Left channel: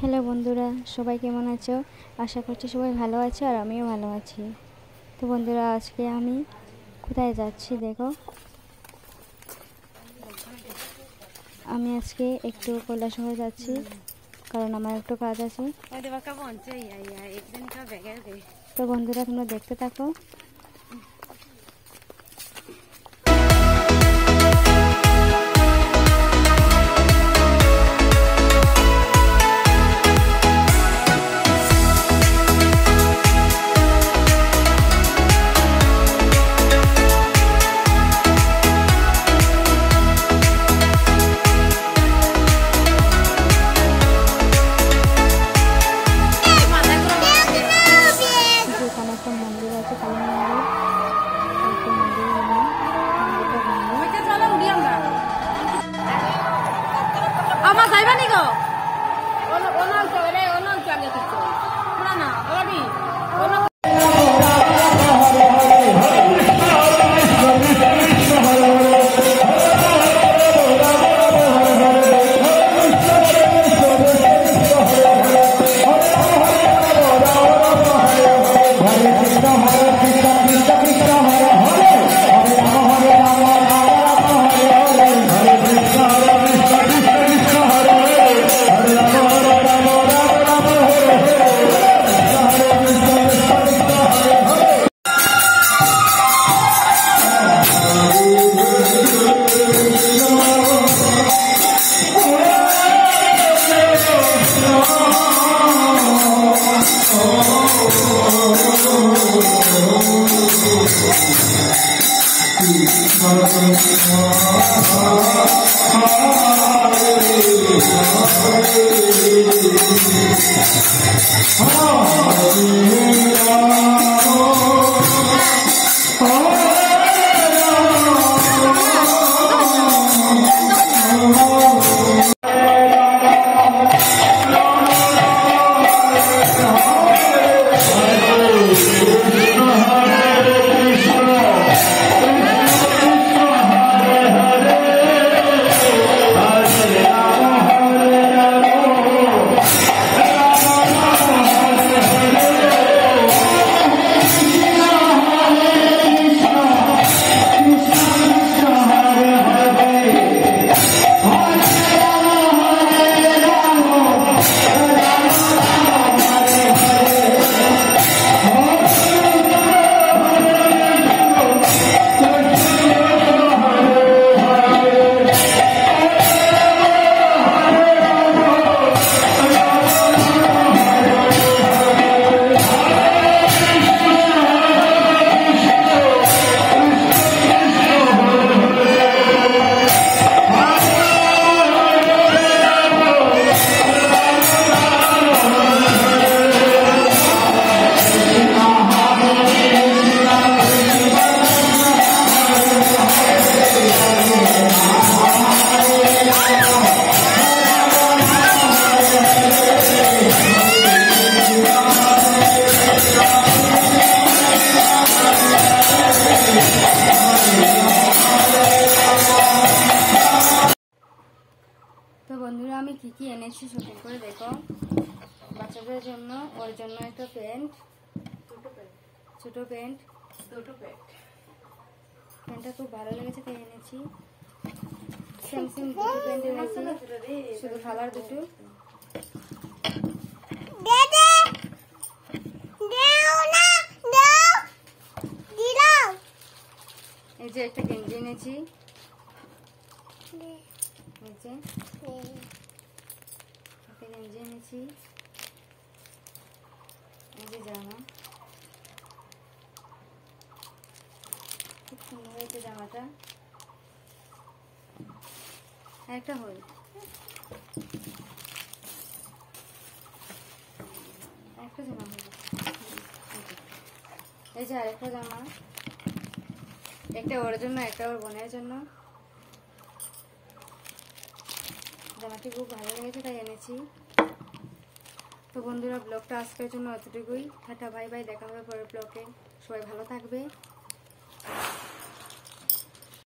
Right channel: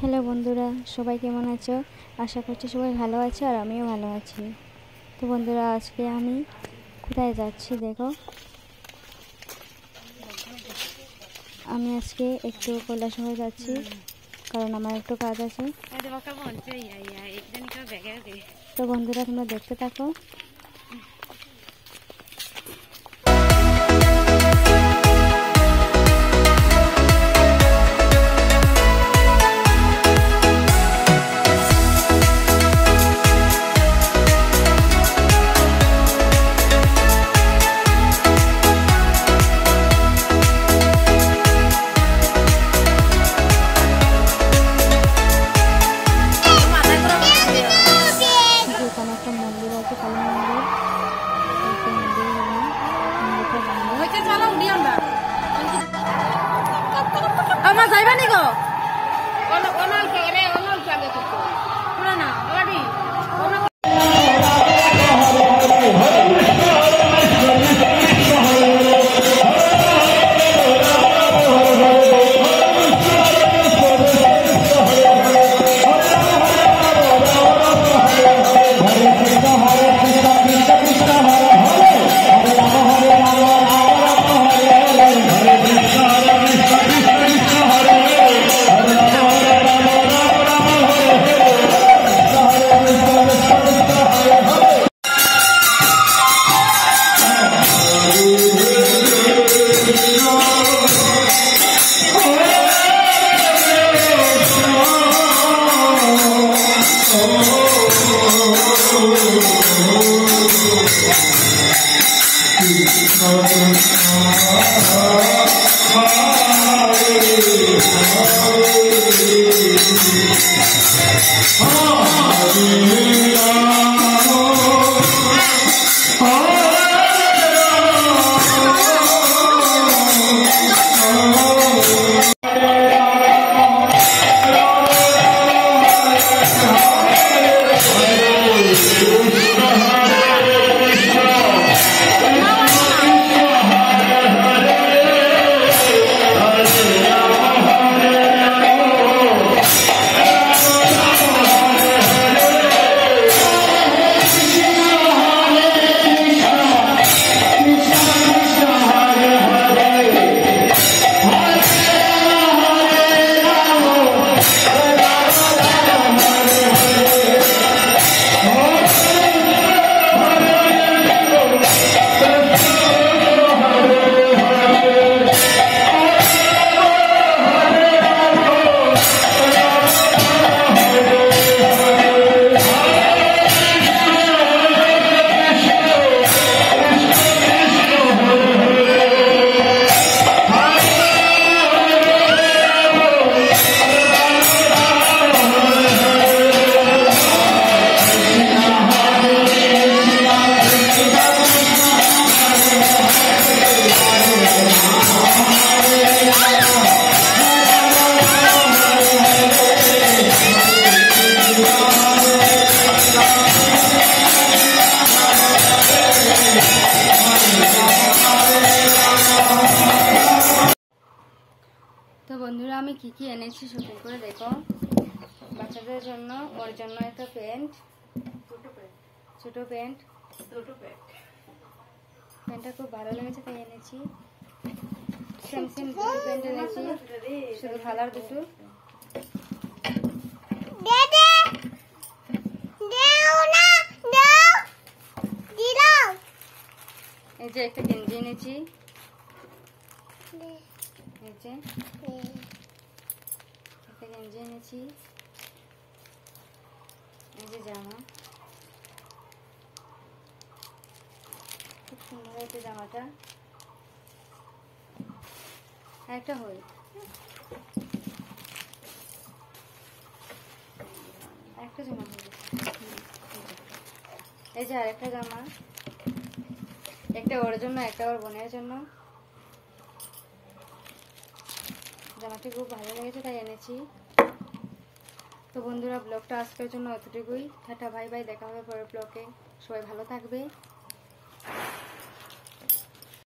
হ্যালো বন্ধুরা, সবাই কেমন আছো? আশা করছি সবাই ভালো আছো আর আমিও ভালো আছি। তো বন্ধুরা, আজকে আমি কোথায় যাচ্ছি দেখো। আমি আজকে একটু কৈলাসহর যাচ্ছি, কারণ আমার একটু কাজ আছে। তো বন্ধুরা, তোমরা দেখতে থাকো। এখানে একটা মন্দির আছে, কালী মন্দির। একটা মন্দির গেলাম, মন্দিরটা বন্ধ। তো বন্ধুরা, আমি কি কি এনেছি শপিং করে দেখো। বাচ্চাদের জন্য, ওর জন্য একটা প্যান্ট, ছোট প্যান্ট। প্যান্টটা খুব ভালো লেগেছে তাই এনেছি। সেম দুটো প্যান্ট এনেছি, শুধু কালার দুটো। এই যে একটা গেঞ্জি এনেছি, একটা গেঞ্জি এনেছি। এই যে জামা, খুব সুন্দর হয়েছে জামাটা। একটা হল, একটা জামা হয়েছে। এই যে আরেকটা জামা, একটা ওর জন্য, একটা ওর বোনের জন্য। জামাটি খুব ভালো লেগেছে তাই এনেছি। তো বন্ধুরা, ব্লগটা আজকের জন্য এতটুকুই। টাটা, বাই বাই, দেখা হবে পরের ব্লগে। সবাই ভালো থাকবে।